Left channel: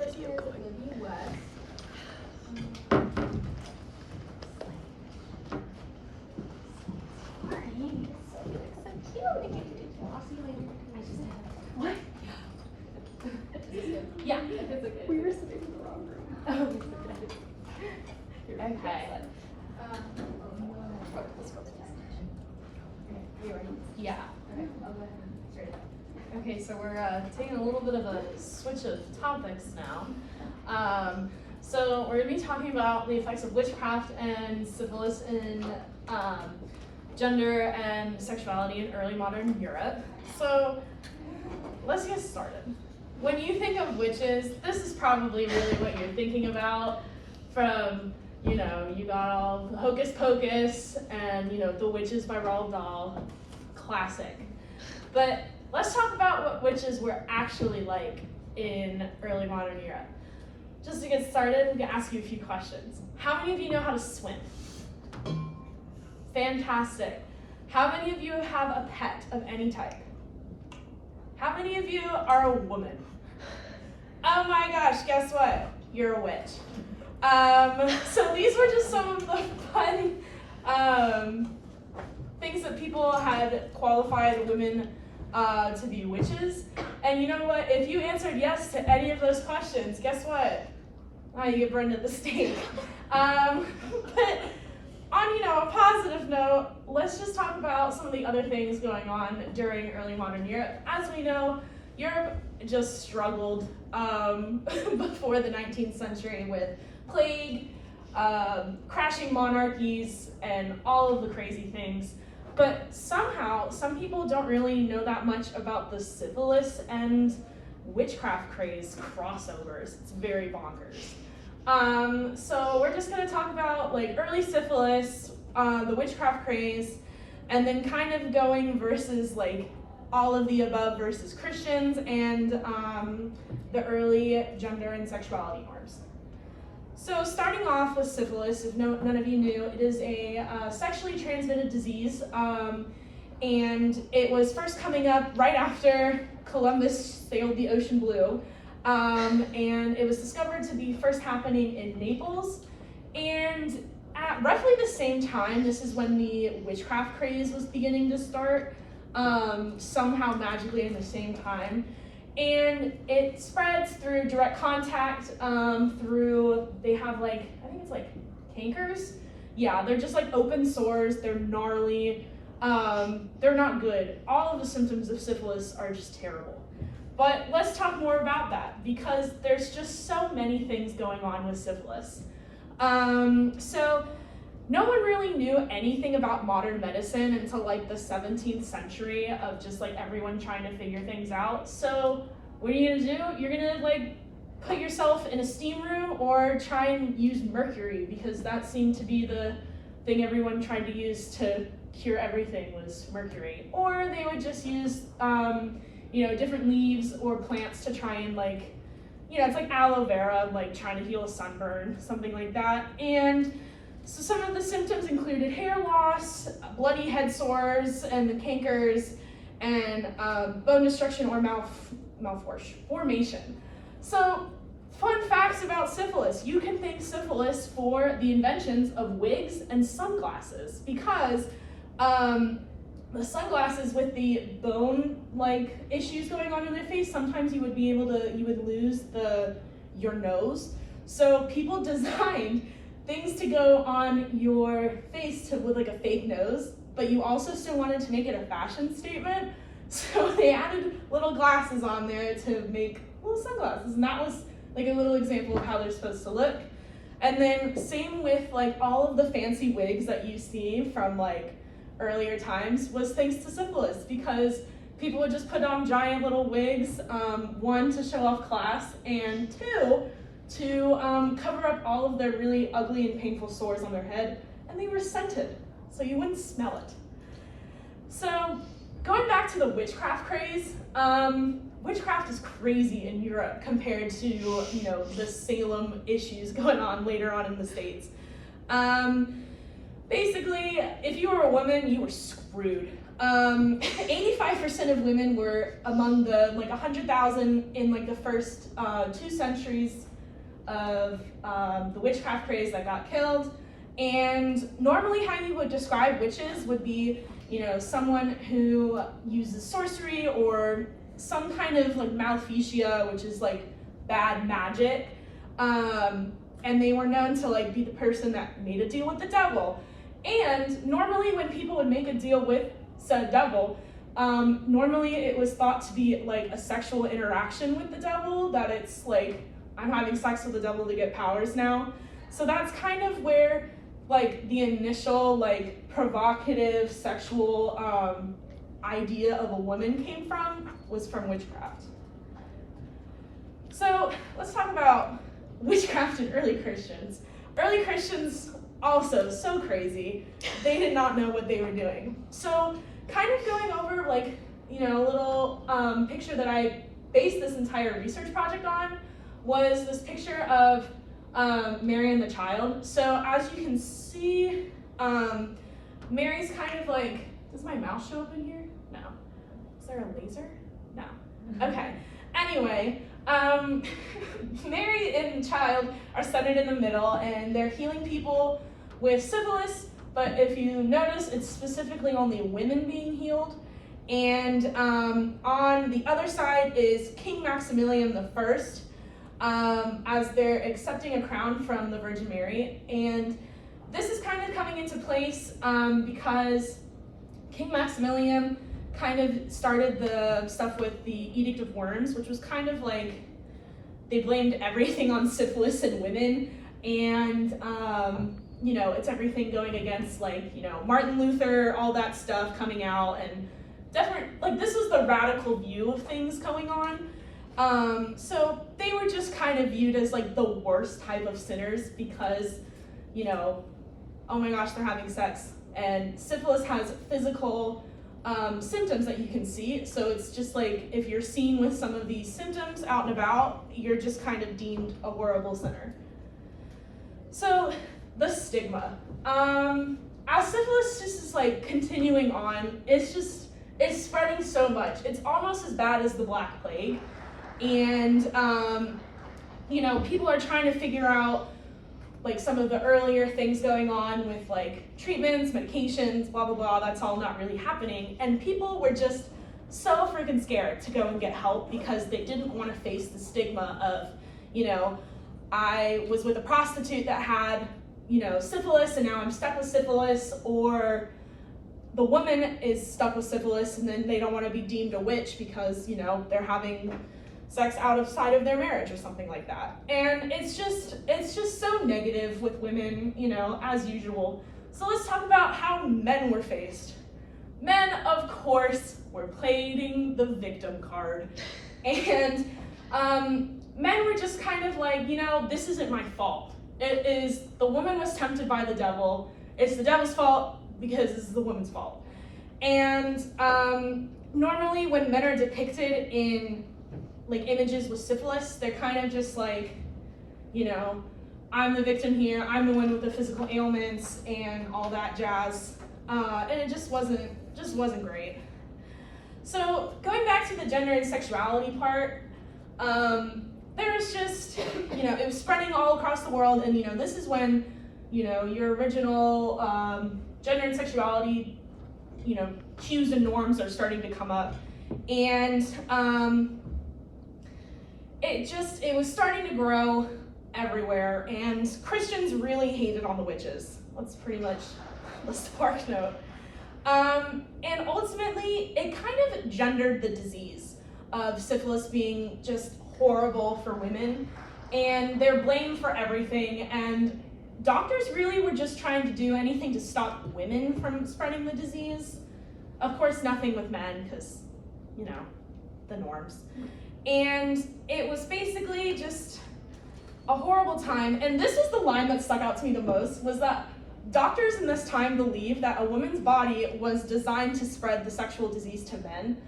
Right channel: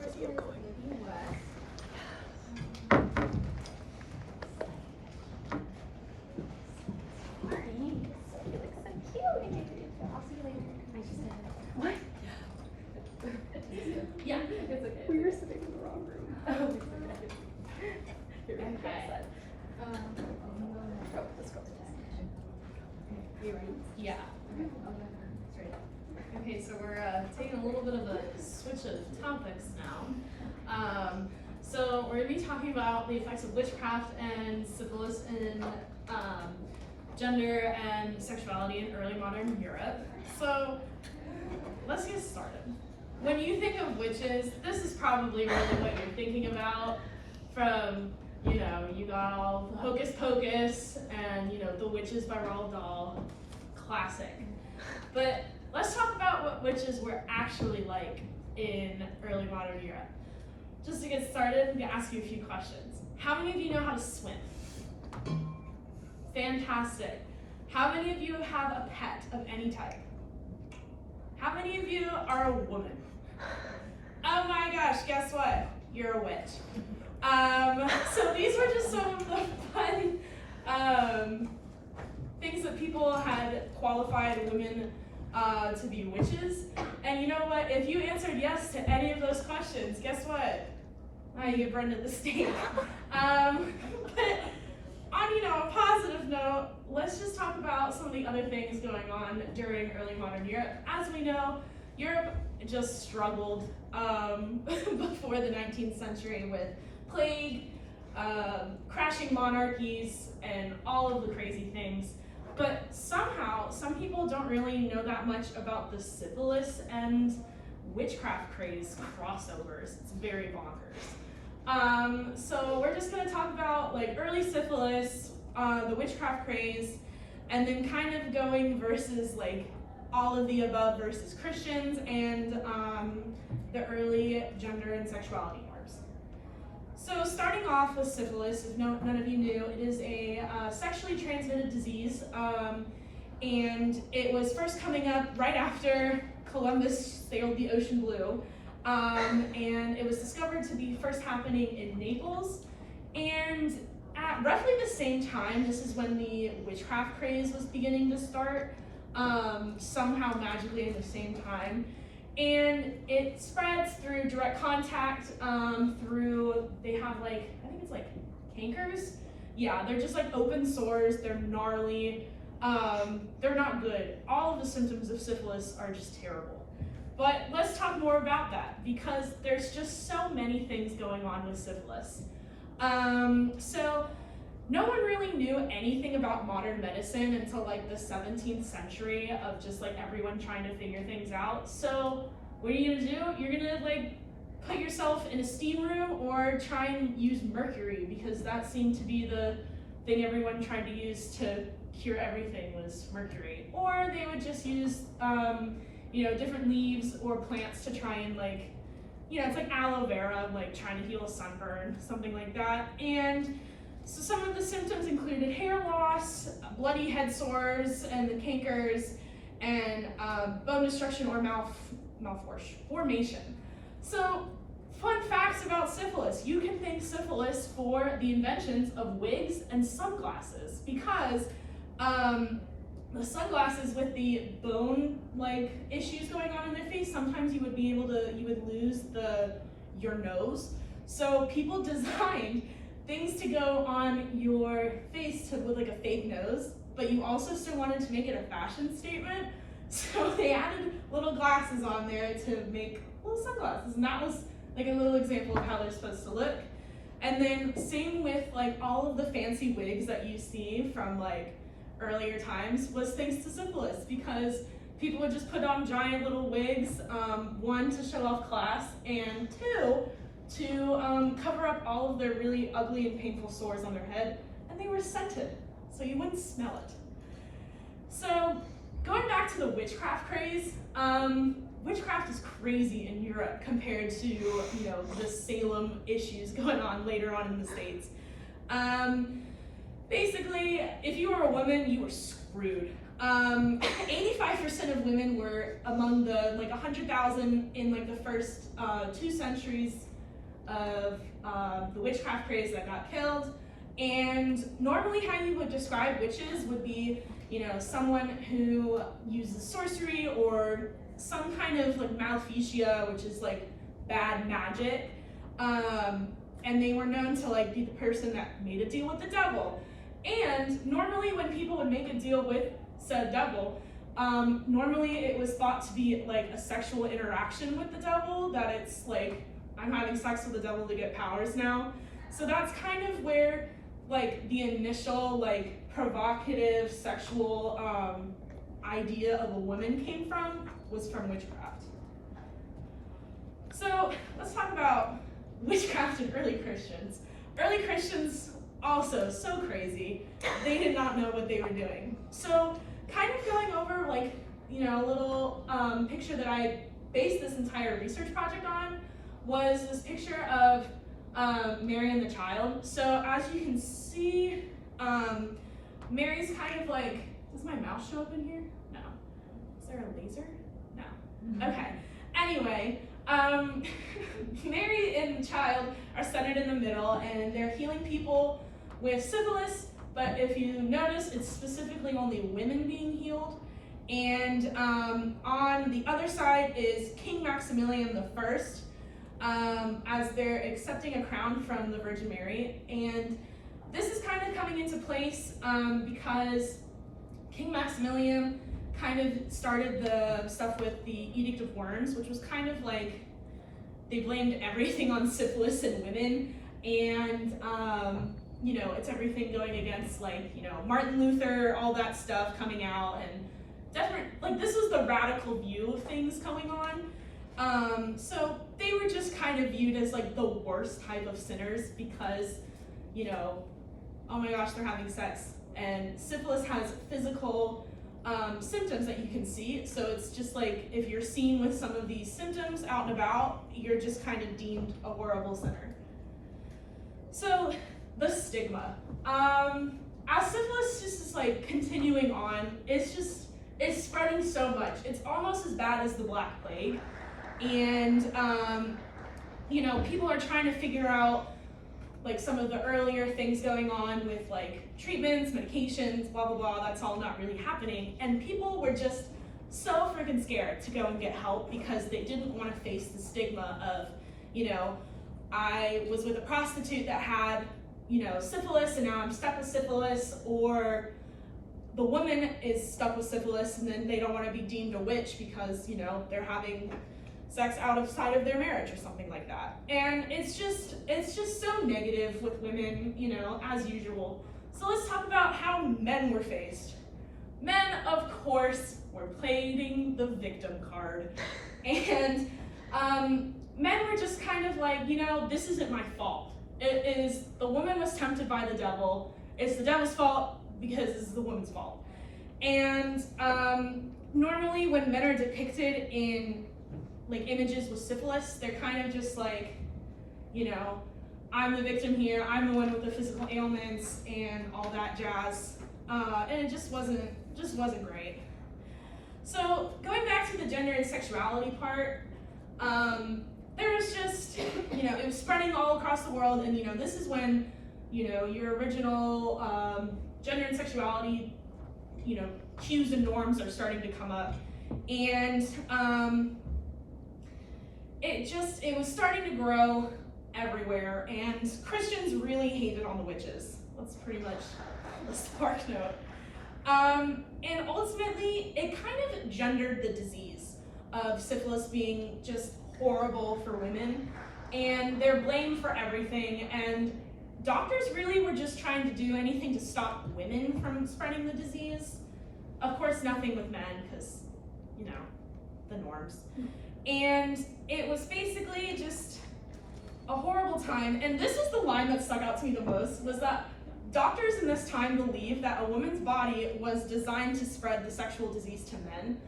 First name is Libby West. You look so cute. I'll see you later. I just said what? Yeah. It's okay. We were sitting in the wrong room. Okay. Let's go. Are you ready? Yeah. Okay. I'll go ahead and straight up. Okay, so we're taking a little bit of a switch of topics now. So we're going to be talking about the effects of witchcraft and syphilis in gender and sexuality in early modern Europe. So let's get started. When you think of witches, this is probably really what you're thinking about from, you got all the Hocus Pocus and, The Witches by Roald Dahl, classic. But let's talk about what witches were actually like in early modern Europe. Just to get started, I'm gonna ask you a few questions. How many of you know how to swim? Fantastic. How many of you have a pet of any type? How many of you are a woman? Oh my gosh, guess what? You're a witch. So these were just some of the fun things that people had qualified women to be witches. And you know what? If you answered yes to any of those questions, guess what? You get burned at the stake. But on a positive note, let's just talk about some of the other things going on during early modern Europe. As we know, Europe just struggled before the 19th century with plague, crashing monarchies, and all of the crazy things. But somehow, some people don't really know that much about the syphilis and witchcraft craze crossovers. It's very bonkers. So we're just going to talk about early syphilis, the witchcraft craze, and then kind of going versus all of the above versus Christians and the early gender and sexuality norms. So starting off with syphilis, if none of you knew, it is a sexually transmitted disease, and it was first coming up right after Columbus sailed the ocean blue, and it was discovered to be first happening in Naples, and at roughly the same time, this is when the witchcraft craze was beginning to start, somehow magically at the same time. And it spreads through direct contact, they have I think it's cankers. Yeah, they're just open sores, they're gnarly, they're not good. All of the symptoms of syphilis are just terrible. But let's talk more about that because there's just so many things going on with syphilis. So no one really knew anything about modern medicine until the 17th century of just everyone trying to figure things out. So what are you gonna do? You're gonna put yourself in a steam room or try and use mercury because that seemed to be the thing everyone tried to use to cure everything was mercury. Or they would just use different leaves or plants to try and it's like aloe vera, trying to heal a sunburn, something like that. And so some of the symptoms included hair loss, bloody head sores, and the cankers, and bone destruction or malformation. So, fun facts about syphilis. You can thank syphilis for the inventions of wigs and sunglasses because the sunglasses with the bone issues going on in their face, sometimes you would lose your nose. So people designed things to go on your face with a fake nose, but you also still wanted to make it a fashion statement. So they added little glasses on there to make little sunglasses, and that was a little example of how they're supposed to look. And then same with all of the fancy wigs that you see from earlier times was thanks to syphilis because people would just put on giant little wigs, one to show off class, and two to cover up all of their really ugly and painful sores on their head, and they were scented, so you wouldn't smell it. So going back to the witchcraft craze, witchcraft is crazy in Europe compared to the Salem issues going on later on in the States. Basically, if you were a woman, you were screwed. 85% of women were among the like 100,000 in like the first 2 centuries of the witchcraft craze that got killed. And normally how you would describe witches would be, you know, someone who uses sorcery or some kind of like maleficia, which is like bad magic. And they were known to like be the person that made a deal with the devil. And normally when people would make a deal with said devil, normally it was thought to be like a sexual interaction with the devil, that it's like, I'm having sex with the devil to get powers now. So that's kind of where like the initial like provocative sexual idea of a woman came from, was from witchcraft. So let's talk about witchcraft and early Christians. Early Christians also so crazy. They did not know what they were doing. So kind of going over like, you know, a little picture that I based this entire research project on was this picture of Mary and the child. So as you can see, Mary's kind of like, does my mouse show up in here? No. Is there a laser? No. Okay. Anyway, Mary and the child are centered in the middle, and they're healing people with syphilis, but if you notice, it's specifically only women being healed. And on the other side is King Maximilian I, as they're accepting a crown from the Virgin Mary. And this is kind of coming into place because King Maximilian kind of started the stuff with the Edict of Worms, which was kind of like, they blamed everything on syphilis and women. And you know, it's everything going against like, you know, Martin Luther, all that stuff coming out, and definitely, like, this was the radical view of things going on. So they were just kind of viewed as like the worst type of sinners because, you know, oh my gosh, they're having sex. And syphilis has physical symptoms that you can see. So it's just like, if you're seen with some of these symptoms out and about, you're just kind of deemed a horrible sinner. So the stigma. As syphilis just is like continuing on, it's spreading so much. It's almost as bad as the Black Plague. And, you know, people are trying to figure out like some of the earlier things going on with like treatments, medications, blah, blah, blah. That's all not really happening. And people were just so freaking scared to go and get help because they didn't want to face the stigma of, you know, I was with a prostitute that had, you know, syphilis, and now I'm stuck with syphilis, or the woman is stuck with syphilis and then they don't want to be deemed a witch because, you know, they're having sex outside of their marriage or something like that. And it's just so negative with women, you know, as usual. So let's talk about how men were faced. Men, of course, were playing the victim card. And men were just kind of like, you know, this isn't my fault. It is, the woman was tempted by the devil. It's the devil's fault because it's the woman's fault. And normally when men are depicted in like images with syphilis, they're kind of just like, you know, I'm the victim here, I'm the one with the physical ailments and all that jazz. And it just wasn't great. So going back to the gender and sexuality part, there was just, you know, it was spreading all across the world, and, you know, this is when, you know, your original gender and sexuality, you know, cues and norms are starting to come up. And it was starting to grow everywhere, and Christians really hated on the witches. That's pretty much the spark note. And ultimately, it kind of gendered the disease of syphilis being just horrible for women, and they're blamed for everything, and doctors really were just trying to do anything to stop women from spreading the disease. Of course, nothing with men, because, you know, the norms. And it was basically just a horrible time. And this was the line that stuck out to me the most, was that doctors in this time believed that a woman's body was designed to spread the sexual disease to men.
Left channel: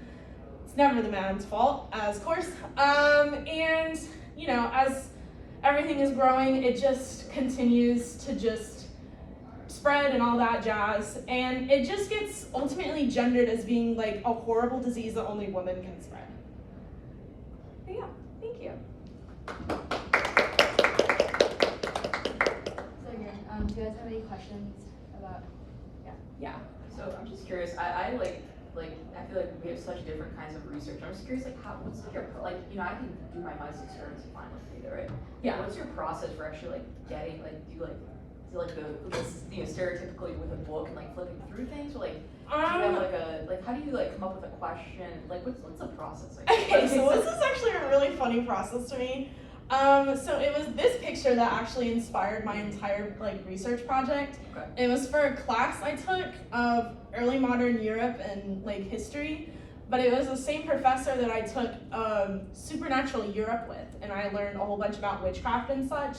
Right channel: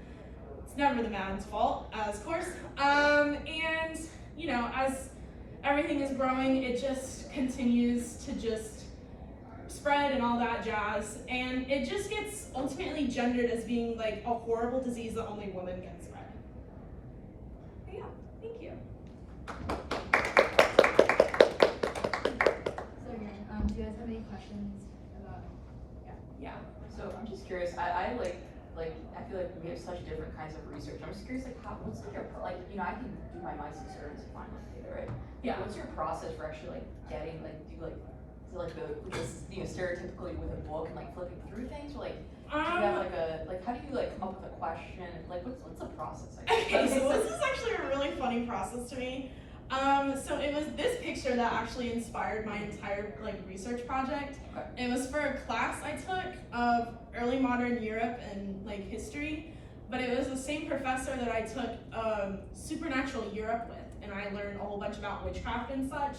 It's never the man's fault, of course. And, you know, as everything is growing, it just continues to just spread and all that jazz, and it just gets ultimately gendered as being like a horrible disease that only women can spread. But yeah, thank you. So again, do you guys have any questions about? Yeah. So I'm just curious. I I feel like we have such different kinds of research. I'm just curious, like, what's like your I can do my mind's experiments fine with data, right? Yeah. What's your process for actually like getting is it like stereotypically with a book and like flipping through things, or like do you have how do you like come up with a question? Like what's the process? Okay, so this is actually a really funny process to me. So it was this picture that actually inspired my entire research project. Okay. It was for a class I took of early modern Europe and history, but it was the same professor that I took supernatural Europe with, and I learned a whole bunch about witchcraft and such.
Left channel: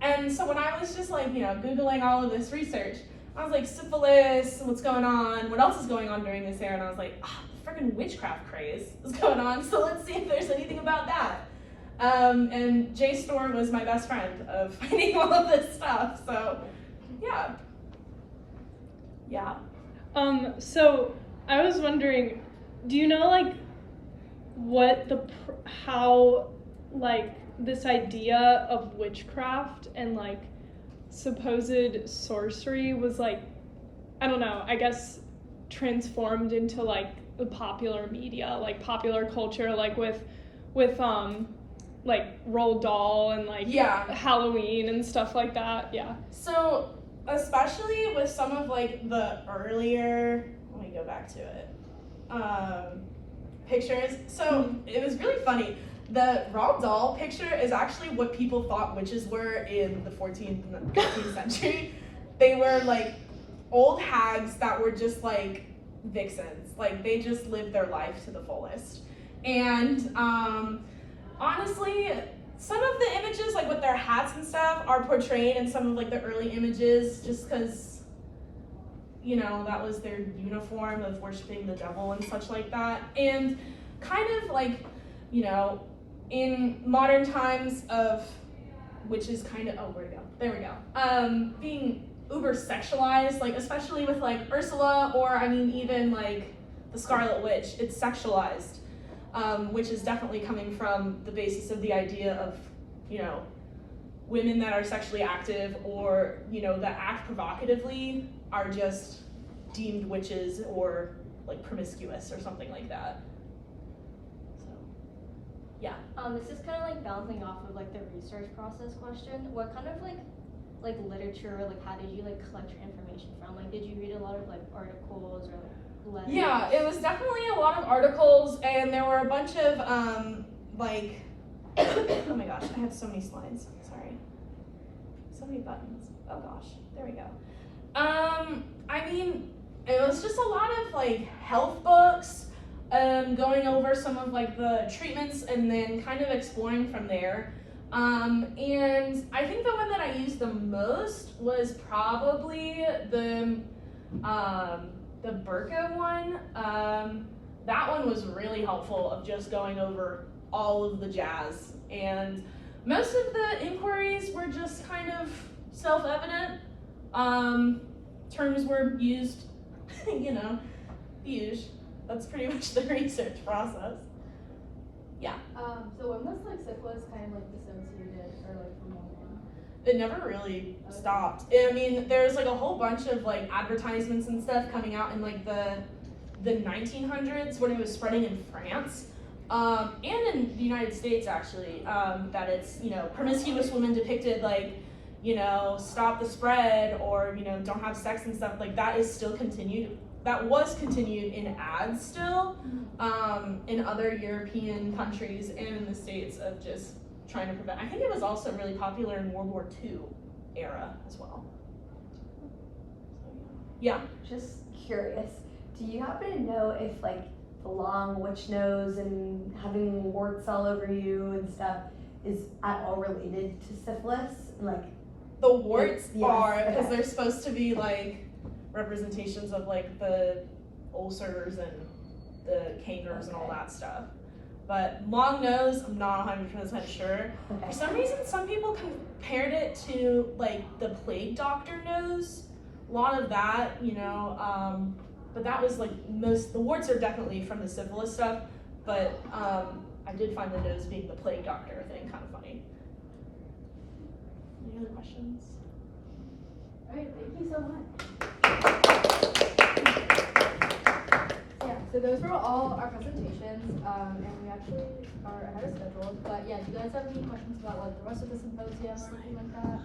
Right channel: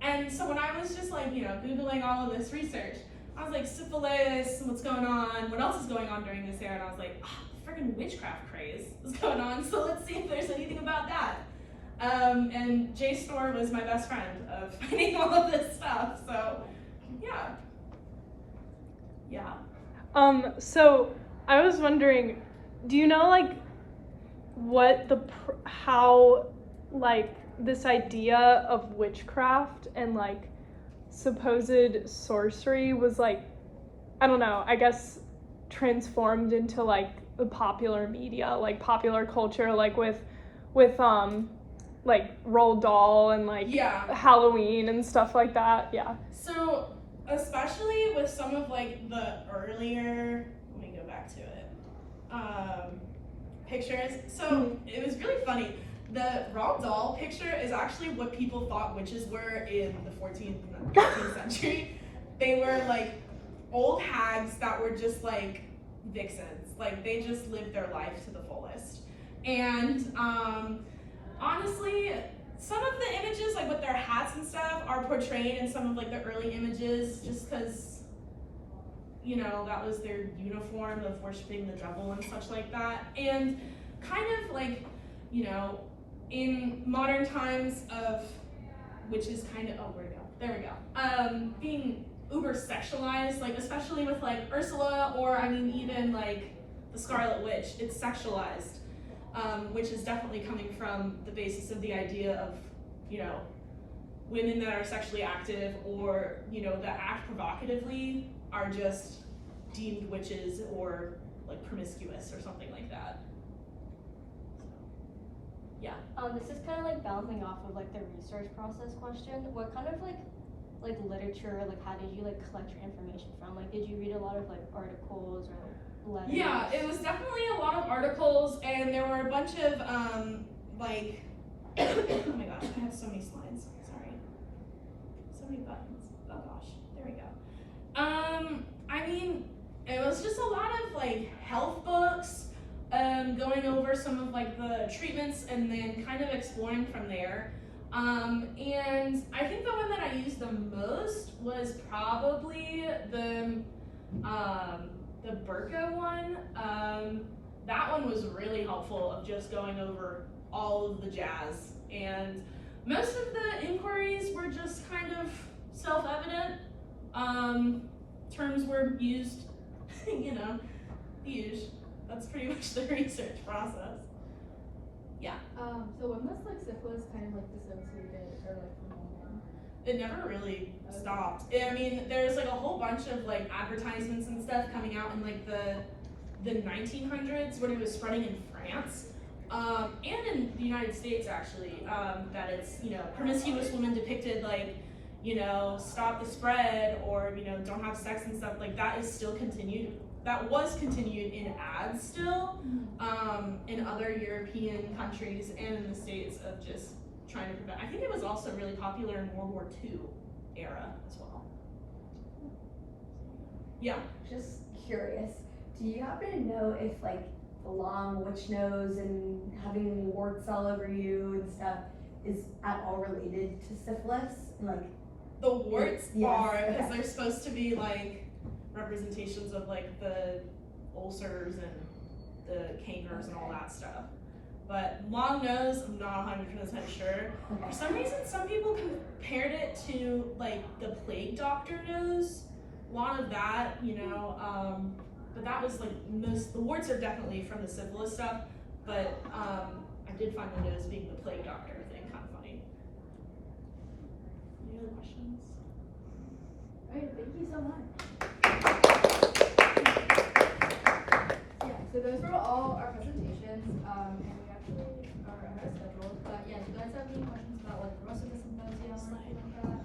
And so when I was just Googling all of this research, I was like, syphilis, what's going on? What else is going on during this era? And I was like, freaking witchcraft craze is going on, so let's see if there's anything about that. And JSTOR was my best friend of finding all of this stuff, so yeah. Yeah. So I was wondering, do you know how this idea of witchcraft and supposed sorcery was I don't know, I guess transformed into the popular media, popular culture, with Roald Dahl and yeah. Halloween and stuff like that. Yeah. So especially with some of the earlier, let me go back to it, pictures. So it was really funny. The Roald Dahl picture is actually what people thought witches were in the 14th and 15th century. They were old hags that were just vixens. They just lived their life to the fullest. And honestly, some of the images, with their hats and stuff, are portrayed in some of the early images just because, that was their uniform of worshiping the devil and such like that. And kind of in modern times of witches kind of, where'd it go? There we go. Being uber sexualized, especially with Ursula, or even the Scarlet Witch, it's sexualized. Which is definitely coming from the basis of the idea of, women that are sexually active or, that act provocatively are just deemed witches or promiscuous or something like that. So, yeah. This is kind of bouncing off of the research process question. What kind of literature, how did you collect your information from? Did you read a lot of articles or letters? Yeah, it was definitely a lot of articles, and there were a bunch of oh my gosh, I have so many slides. Sorry, so many buttons. Oh gosh, there we go. It was just a lot of health books, going over some of the treatments and then kind of exploring from there. And I think the one that I used the most was probably the Burqa one. That one was really helpful of just going over all of the jazz. And most of the inquiries were just kind of self-evident. Terms were used, used. That's pretty much the research process. Yeah. So when was syphilis kind of dissociated or from women? It never really stopped. There's a whole bunch of advertisements and stuff coming out in the 1900s when it was spreading in France, and in the United States actually, that it's promiscuous women depicted stop the spread or don't have sex and stuff that is still continued. That was continued in ads still, in other European countries and in the States of just trying to prevent. I think it was also really popular in World War II era as well. Yeah. Just curious, do you happen to know if the long witch nose and having warts all over you and stuff is at all related to syphilis? The warts yes, are, because okay. they're supposed to be representations of the ulcers and the cankers and all that stuff. But long nose, I'm not 100% sure. Okay. For some reason, some people compared it to the plague doctor nose, a lot of that, you know, but that was like the warts are definitely from the syphilis stuff, but I did find the nose being the plague doctor thing kind of funny. Any other questions? Alright, thank you so much. Yeah, so those were all our presentations, and we actually are ahead of schedule. But yeah, do you guys have any questions about like the rest of the symposium or anything like that?